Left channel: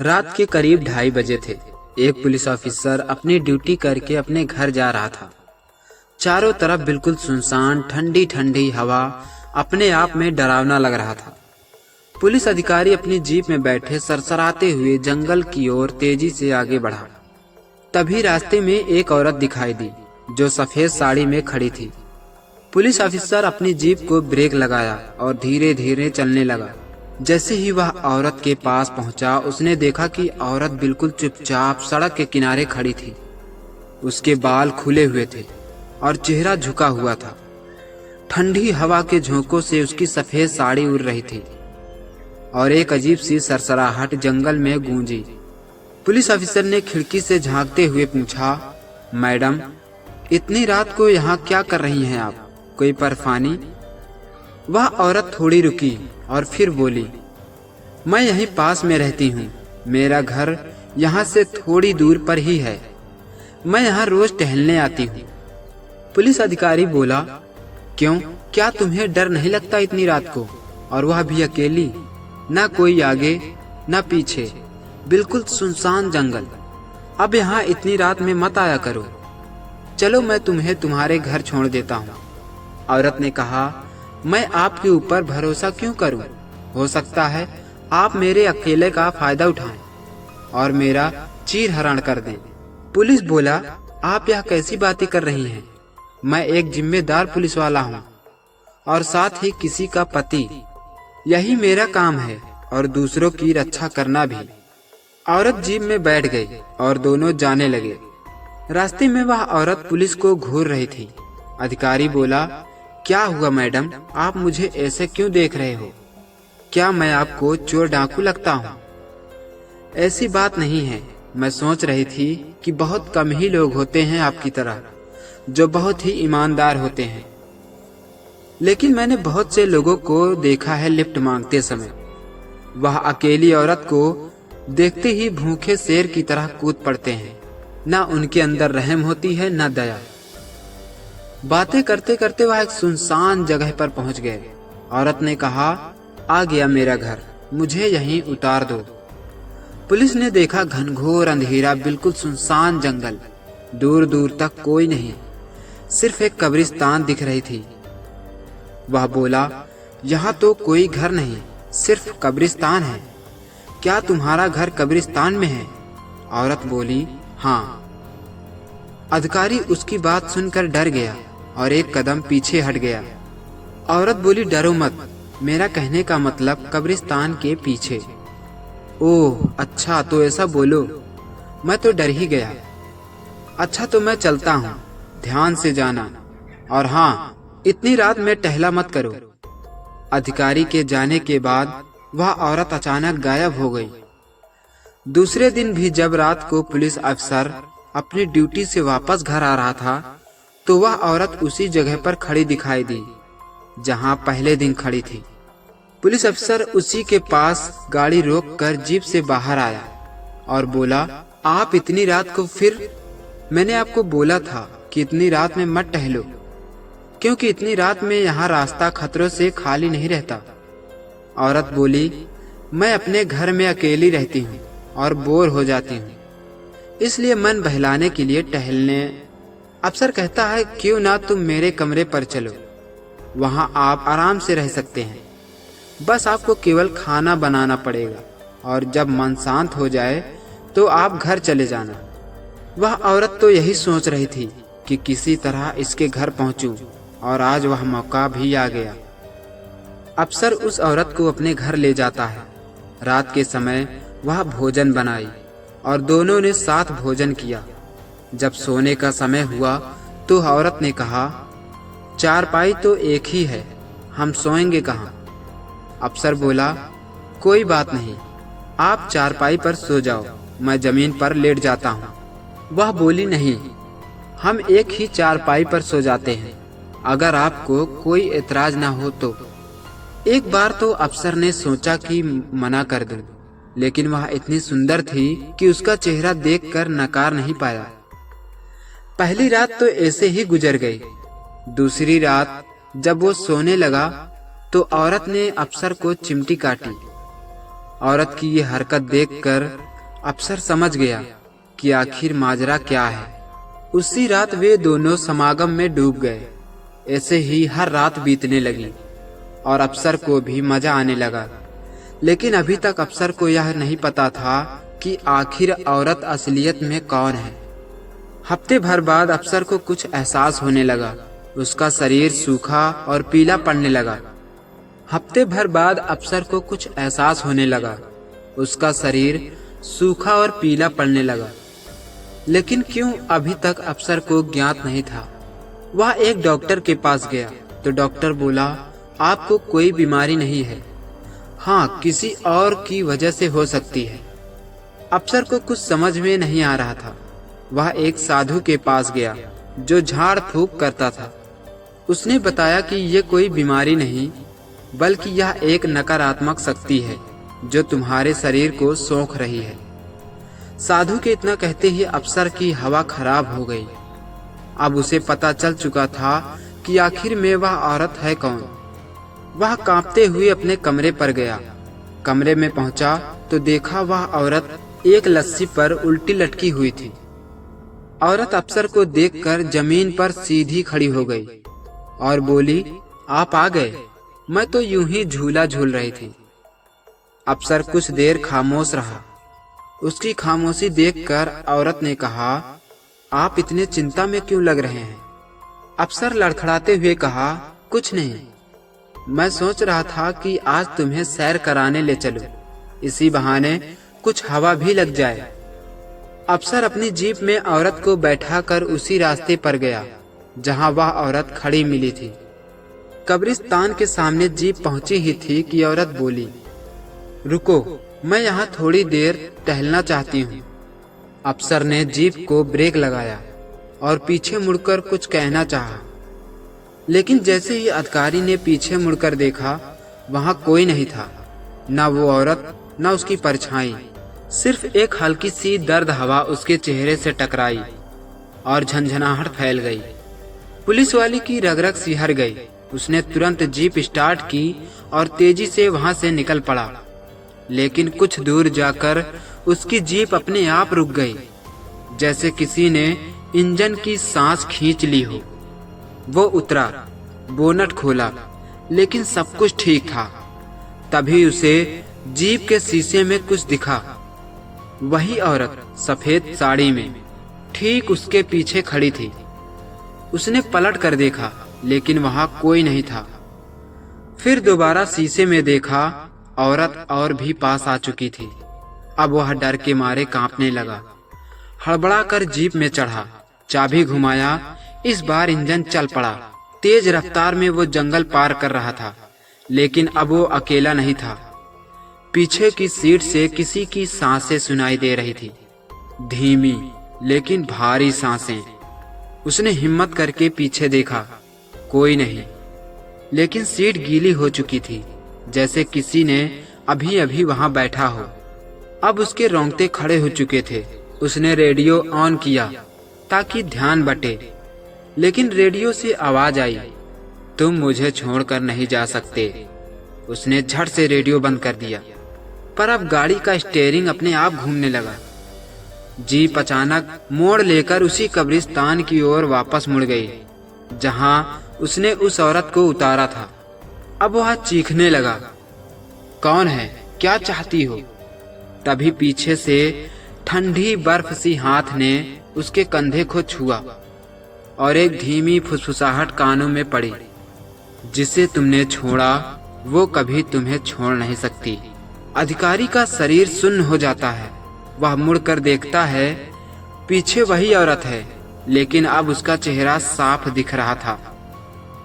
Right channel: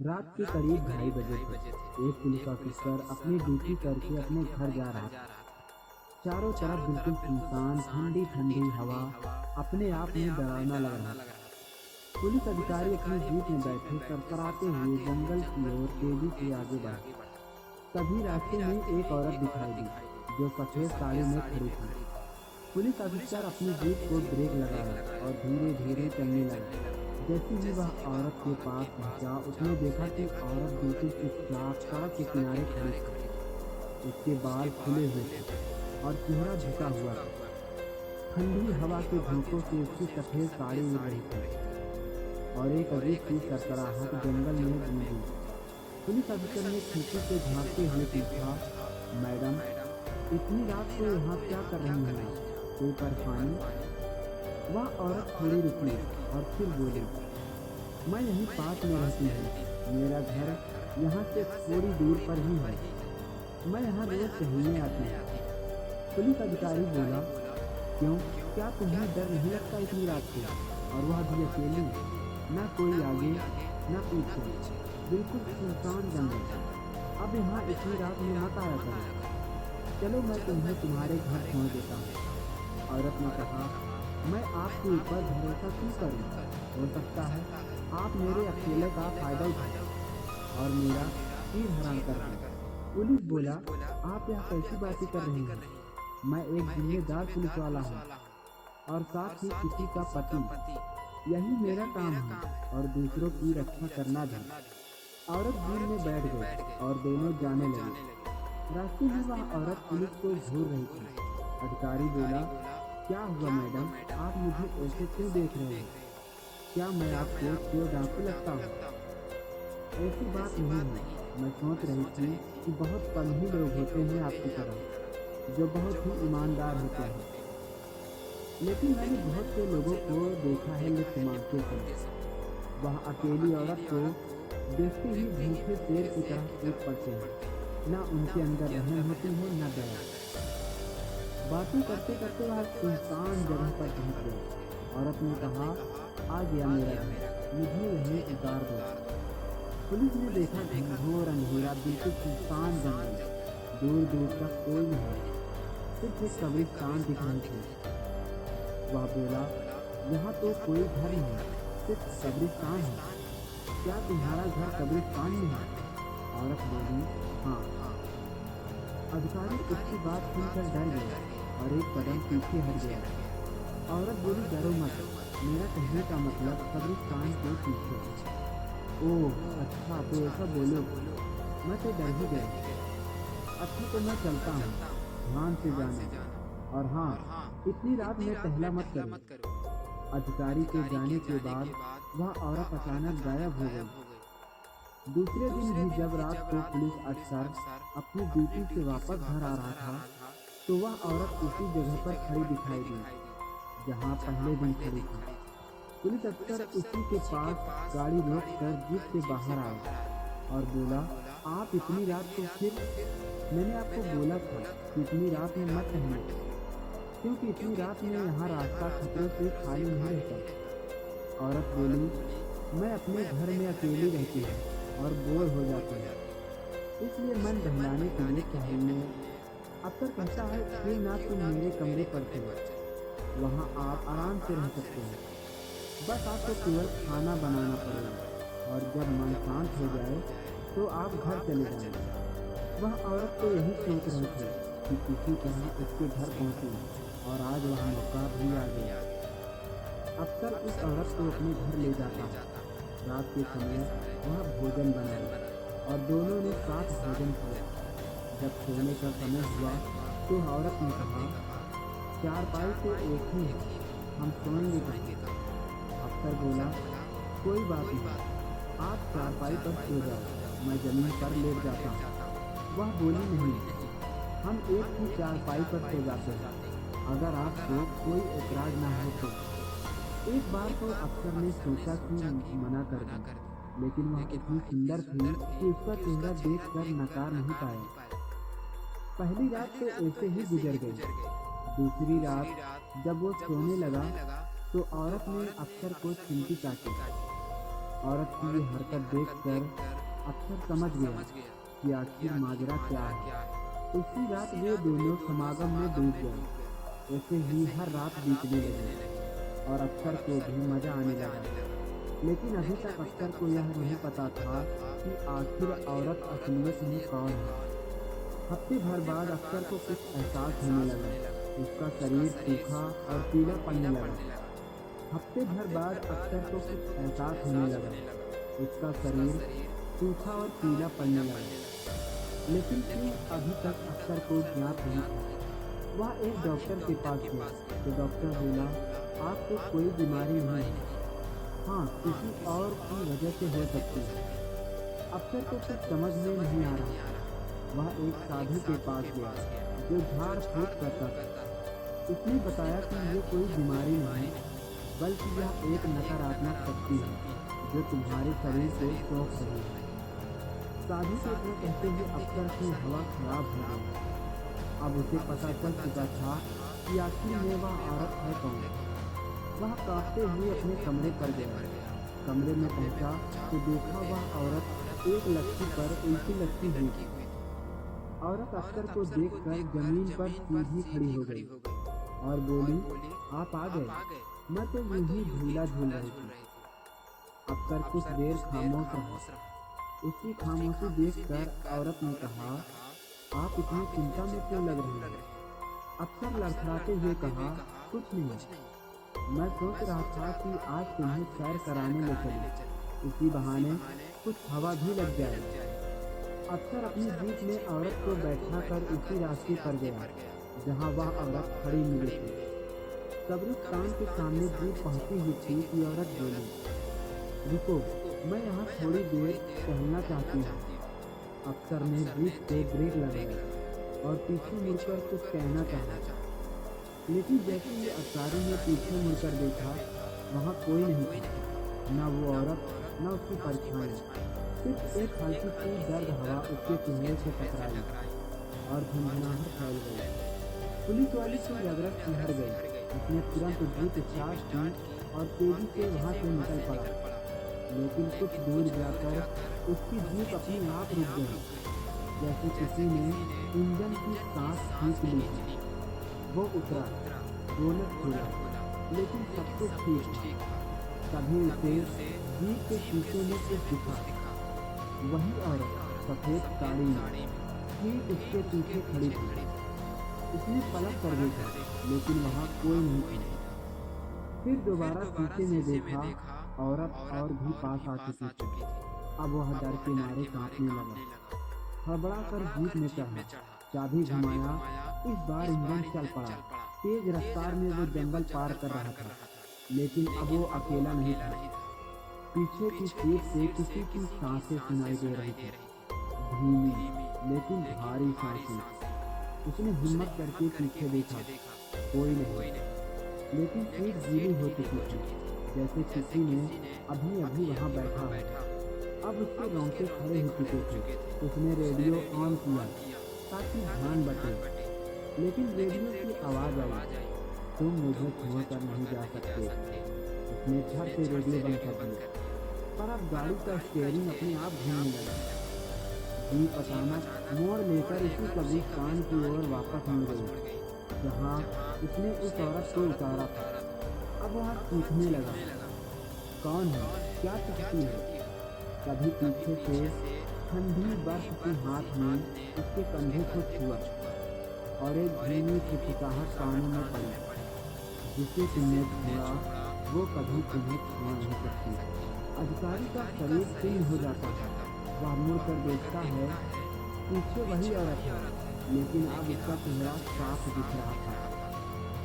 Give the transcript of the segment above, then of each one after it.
रात के करीब 2:30 बजे थे। एक पुलिस ऑफिसर अपनी ड्यूटी करके अपने घर जा रहा था। चारों तरफ बिल्कुल सुनसान, ठंडी ठंडी हवा अपने आप में डरावना लग रहा था। पुलिस अधिकारी अपनी जीप में बैठे सरसराते हुए जंगल की ओर तेजी से आगे बढ़ा। तभी रास्ते में एक औरत दिखाई दी जो सफेद साड़ी में खड़ी थी। पुलिस ऑफिसर अपनी जीप को ब्रेक लगाया और धीरे धीरे चलने लगा। जैसे ही वह औरत के पास पहुंचा, उसने देखा कि औरत बिल्कुल चुपचाप सड़क के किनारे खड़ी थी। उसके बाल खुले हुए थे और चेहरा झुका हुआ था। ठंडी हवा के झोंकों से उसकी सफेद साड़ी उड़ रही थी और एक अजीब सी सरसराहट जंगल में गूंजी। पुलिस ऑफिसर ने खिड़की से झांकते हुए पूछा, मैडम, इतनी रात को यहाँ क्या कर रही हैं आप? कोई परेशानी? वह औरत थोड़ी रुकी और फिर बोली, मैं यहीं पास में रहती हूँ। मेरा घर यहाँ से थोड़ी दूर पर ही है। मैं यहाँ रोज टहलने आती हूँ। पुलिस अधिकारी बोला, क्यों? क्या तुम्हें डर नहीं लगता इतनी रात को, और वह भी अकेली? ना कोई आगे ना पीछे, बिल्कुल सुनसान जंगल। अब यहाँ इतनी रात में मत आया करो। चलो मैं तुम्हें तुम्हारे घर छोड़ देता हूँ। औरत ने कहा, मैं आपके ऊपर भरोसा क्यों करूं? हो सकता है आप मेरे अकेले का फायदा उठाएं और मेरा चीर हरण कर दें। पुलिस बोला, आप यह कैसी बातें कर रही हैं? मैं एक जिम्मेदार पुलिस वाला हूं और साथ ही किसी का पति। यही मेरा काम है और दूसरों की रक्षा करना भी। औरत जीप में बैठ गई और दोनों जाने लगे। रास्ते में वह औरत पुलिस को घूर रही थी। अधिकारी बोला, क्या हुआ मैडम, आप मुझे ऐसे क्यों देख रहे हो? क्या मैं आपको चोर डाकू लगता हूँ? ऐसी बात नहीं है। मैं सोच रही थी कि बहुत कम ही लोग होते हैं आपकी तरह जो बहुत ही ईमानदार होते हैं, लेकिन मैंने बहुत से लोगों को देखा है लिफ्ट मांगते समय। वह अकेली औरत को देखते ही भूखे शेर की तरह कूद पड़ते हैं। ना उनके अंदर रहम होती है ना दया। बातें करते करते वह एक सुनसान जगह पर पहुंच गए। औरत ने कहा, आ गया मेरा घर, मुझे यहीं उतार दो। पुलिस ने देखा घनघोर अंधेरा, बिल्कुल सुनसान जंगल, दूर दूर तक कोई नहीं, सिर्फ एक कब्रिस्तान दिख रही थी। वह बोला, यहाँ तो कोई घर नहीं, सिर्फ कब्रिस्तान है। क्या तुम्हारा घर कब्रिस्तान में है? औरत बोली, हाँ। अधिकारी उसकी बात सुनकर डर गया और एक कदम पीछे हट गया। औरत बोली, डरो मत, मेरा कहने का मतलब कब्रिस्तान के पीछे। ओह अच्छा, तो ऐसा बोलो, मैं तो डर ही गया। अच्छा तो मैं चलता हूँ, ध्यान से जाना, और हाँ, इतनी रात में टहला मत करो। अधिकारी के जाने के बाद वह औरत अचानक गायब हो गई। दूसरे दिन भी जब रात को पुलिस अफसर अपनी ड्यूटी से वापस घर आ रहा था, तो वह औरत उसी जगह पर खड़ी दिखाई दी जहां पहले दिन खड़ी थी। पुलिस अफसर उसी के पास गाड़ी रोककर जीप से बाहर आया और बोला, आप इतनी रात को फिर? मैंने आपको बोला था कि इतनी रात में मत टहलो, क्योंकि इतनी रात में यहाँ रास्ता खतरों से खाली नहीं रहता। औरत बोली, मैं अपने घर में अकेली रहती हूँ और बोर हो जाती हूँ, इसलिए मन बहलाने के लिए टहलने। अफसर कहता है, क्यों ना तुम मेरे कमरे पर चलो, वहाँ आप आराम से रह सकते हैं। बस आपको केवल खाना बनाना पड़ेगा और जब मन शांत हो जाए तो आप घर चले जाना। वह औरत तो यही सोच रही थी कि किसी तरह इसके घर पहुँचूं, और आज वह मौका भी आ गया। अफसर उस औरत को अपने घर ले जाता है। रात के समय वह भोजन बनाई और दोनों ने साथ भोजन किया। जब सोने का समय हुआ तो औरत ने कहा, चारपाई तो एक ही है, हम सोएंगे कहाँ? अफसर बोला, कोई बात नहीं, आप चारपाई पर सो जाओ, मैं जमीन पर लेट जाता हूँ। वह बोली, नहीं, हम एक ही चारपाई पर सो जाते हैं, अगर आपको कोई एतराज ना हो तो। एक बार तो अफसर ने सोचा कि मना कर दूं, लेकिन वह इतनी सुंदर थी कि उसका चेहरा देखकर नकार नहीं पाया। पहली रात तो ऐसे ही गुजर गई। दूसरी रात जब वो सोने लगा तो औरत ने अफसर को चिमटी काटी। औरत की ये हरकत देखकर अफसर समझ गया कि आखिर माजरा क्या है। उसी रात वे दोनों समागम में डूब गए। ऐसे ही हर रात बीतने लगी और अफसर को भी मजा आने लगा। लेकिन अभी तक अफसर को यह नहीं पता था कि आखिर औरत असलियत में कौन है। हफ्ते भर बाद अफसर को कुछ एहसास होने लगा। उसका शरीर सूखा और पीला पड़ने लगा। हफ्ते भर बाद अफसर को कुछ एहसास होने लगा। उसका शरीर सूखा और पीला पड़ने लगा। लेकिन क्यों, अभी तक अफसर को ज्ञात नहीं था। वह एक डॉक्टर के पास गया तो डॉक्टर बोला, आपको कोई बीमारी नहीं है, हाँ किसी और की वजह से हो सकती है। अफसर को कुछ समझ में नहीं आ रहा था। वह एक साधु के पास गया जो झाड़ फूंक करता था। उसने बताया कि ये कोई बीमारी नहीं बल्कि यह एक नकारात्मक शक्ति है जो तुम्हारे शरीर को सोख रही है। साधु के इतना कहते ही अफसर की हवा खराब हो गई। अब उसे पता चल चुका था कि आखिर में वह औरत है कौन। वह कांपते हुए अपने कमरे पर गया। कमरे में पहुंचा तो देखा वह औरत एक लस्सी पर उल्टी लटकी हुई थी। औरत अफसर को देखकर जमीन पर सीधी खड़ी हो गई और बोली, आप आ गए, मैं तो यूं ही झूला झूल रही थी। अफसर कुछ देर खामोश रहा। उसकी खामोशी देखकर औरत ने कहा, आप इतने चिंता में क्यों लग रहे हैं? अफसर लड़खड़ाते हुए कहा, कुछ नहीं, मैं सोच रहा था कि आज तुम्हें सैर कराने ले चलूं, इसी बहाने कुछ हवा भी लग जाए। अफसर अपनी जीप में औरत को बैठाकर उसी रास्ते पर गया जहां वह औरत खड़ी मिली थी। कब्रिस्तान के सामने जीप पहुंची ही थी कि औरत बोली, रुको, मैं यहाँ थोड़ी देर टहलना चाहती हूँ। अफसर ने जीप को ब्रेक लगाया और पीछे मुड़कर कुछ कहना चाहा, लेकिन जैसे ही अधिकारी ने पीछे मुड़कर देखा, वहां कोई नहीं था, न वो औरत न उसकी परछाई। सिर्फ एक हल्की सी दर्द हवा उसके चेहरे से टकराई और झंझनाहट फैल गई। पुलिस वाली की रग-रग सिहर गई। उसने तुरंत जीप स्टार्ट की और तेजी से वहां से निकल पड़ा। लेकिन कुछ दूर जाकर उसकी जीप अपने आप रुक गई, जैसे किसी ने इंजन की सांस खींच ली हो। वो उतरा, बोनट खोला, लेकिन सब कुछ ठीक था। तभी उसे जीप के शीशे में कुछ दिखा। वही औरत सफेद साड़ी में ठीक उसके पीछे खड़ी थी। उसने पलट कर देखा, लेकिन वहां कोई नहीं था। फिर दोबारा शीशे में देखा, औरत और भी पास आ चुकी थी। अब वह डर के मारे कांपने लगा। हड़बड़ा कर जीप में चढ़ा, चाबी घुमाया। इस बार इंजन चल पड़ा। तेज रफ्तार में वो जंगल पार कर रहा था, लेकिन अब वो अकेला नहीं था। पीछे की सीट से किसी की सांसें सुनाई दे रही थी, धीमी लेकिन भारी सांसें। उसने हिम्मत करके पीछे देखा, कोई नहीं, लेकिन सीट गीली हो चुकी थी, जैसे किसी ने अभी अभी वहां बैठा हो। अब उसके रोंगटे खड़े हो चुके थे। उसने रेडियो ऑन किया ताकि ध्यान बटे, लेकिन रेडियो से आवाज आई, तुम मुझे छोड़कर नहीं जा सकते। उसने झट से रेडियो बंद कर दिया, पर अब गाड़ी का स्टीयरिंग अपने आप घूमने लगा। जीप अचानक मोड़ लेकर उसी कब्रिस्तान की ओर वापस मुड़ गई जहां उसने उस औरत को उतारा था। अब वह चीखने लगा, कौन है, क्या चाहती हो? तभी पीछे से ठंडी बर्फ सी हाथ ने उसके कंधे को छुआ और एक धीमी फुसफुसाहट कानों में पड़ी, जिसे तुमने छोड़ा वो कभी तुम्हें छोड़ नहीं सकती। अधिकारी का शरीर सुन्न हो जाता है। वह मुड़कर देखता है, पीछे वही औरत है, लेकिन अब उसका चेहरा साफ दिख रहा था।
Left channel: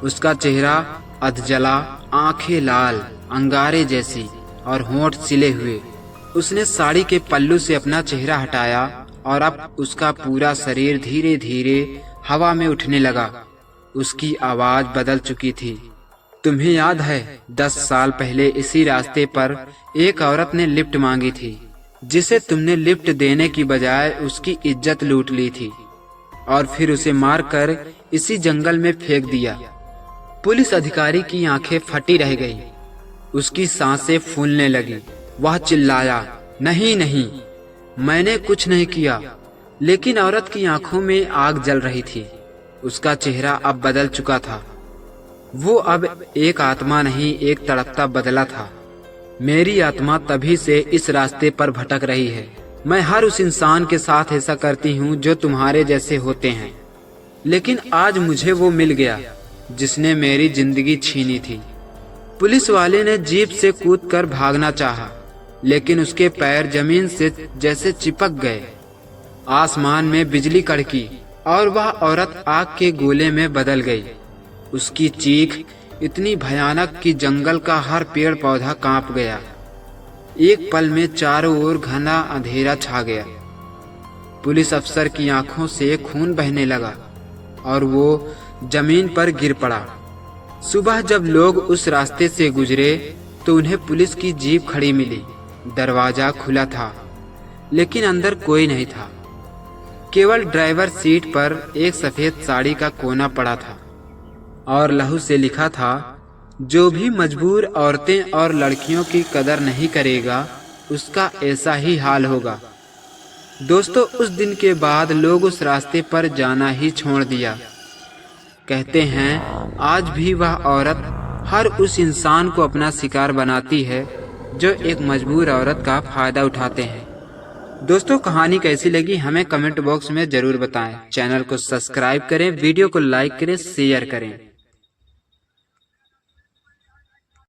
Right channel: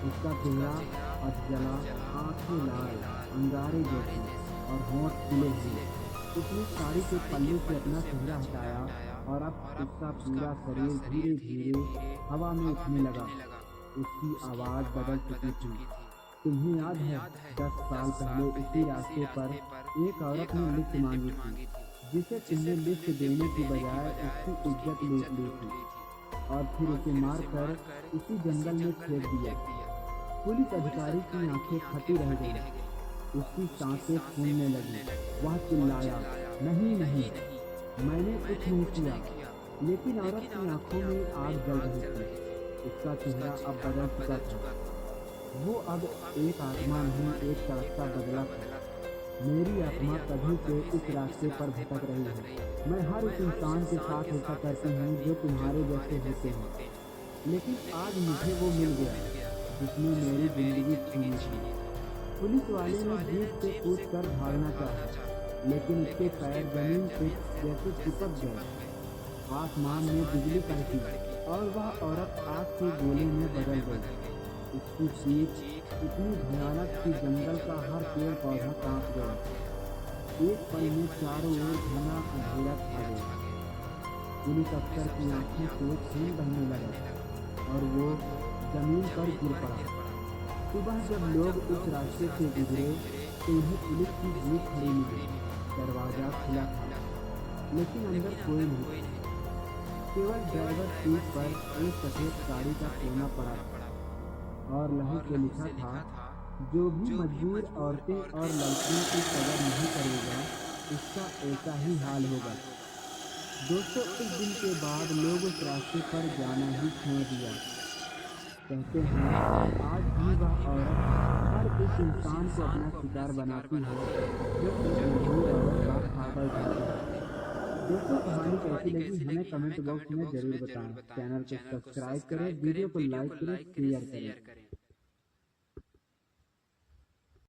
उसका चेहरा अधजला, आंखें लाल, अंगारे जैसी और होंठ सिले हुए। उसने साड़ी के पल्लू से अपना चेहरा हटाया और अब उसका पूरा शरीर धीरे धीरे हवा में उठने लगा। उसकी आवाज बदल चुकी थी। तुम्हें याद है 10 साल पहले इसी रास्ते पर एक औरत ने लिफ्ट मांगी थी, जिसे तुमने लिफ्ट देने की बजाय उसकी इज्जत लूट ली थी और फिर उसे मारकर इसी जंगल में फेंक दिया। पुलिस अधिकारी की आंखें फटी रह गई। उसकी सांसें फूलने लगी। वह चिल्लाया, नहीं नहीं, मैंने कुछ नहीं किया, लेकिन औरत की आंखों में आग जल रही थी। उसका चेहरा अब बदल चुका था। वो अब एक आत्मा नहीं, एक तड़पता बदला था। मेरी आत्मा तभी से इस रास्ते पर भटक रही है। मैं हर उस इंसान के साथ ऐसा करती हूँ जो तुम्हारे जैसे होते हैं, लेकिन आज मुझे वो मिल गया जिसने मेरी जिंदगी छीनी थी। पुलिस वाले ने जीप से कूदकर भागना चाहा, लेकिन उसके पैर जमीन से जैसे चिपक गए। आसमान में बिजली कड़की और वह औरत आग के गोले में बदल गई। उसकी चीख इतनी भयानक कि जंगल का हर पेड़ पौधा कांप गया। एक पल में चारों ओर घना अंधेरा छा गया। पुलिस अफसर की आंखों से खून बहने लगा और वो जमीन पर गिर पड़ा। सुबह जब लोग उस रास्ते से गुजरे तो उन्हें पुलिस की जीप खड़ी मिली। दरवाजा खुला था, लेकिन अंदर कोई नहीं था। केवल ड्राइवर सीट पर एक सफेद साड़ी का कोना पड़ा था और लहू से लिखा था, जो भी मजबूर औरतें और लड़कियों की कदर नहीं करेगा, उसका ऐसा ही हाल होगा। दोस्तों, उस दिन के बाद लोग उस रास्ते पर जाना ही छोड़ दिया। कहते हैं आज भी वह औरत हर उस इंसान को अपना शिकार बनाती है जो एक मजबूर औरत का फायदा उठाते हैं। दोस्तों, कहानी कैसी लगी हमें कमेंट बॉक्स में जरूर बताएं। चैनल को सब्सक्राइब करें, वीडियो को लाइक करें, शेयर करें।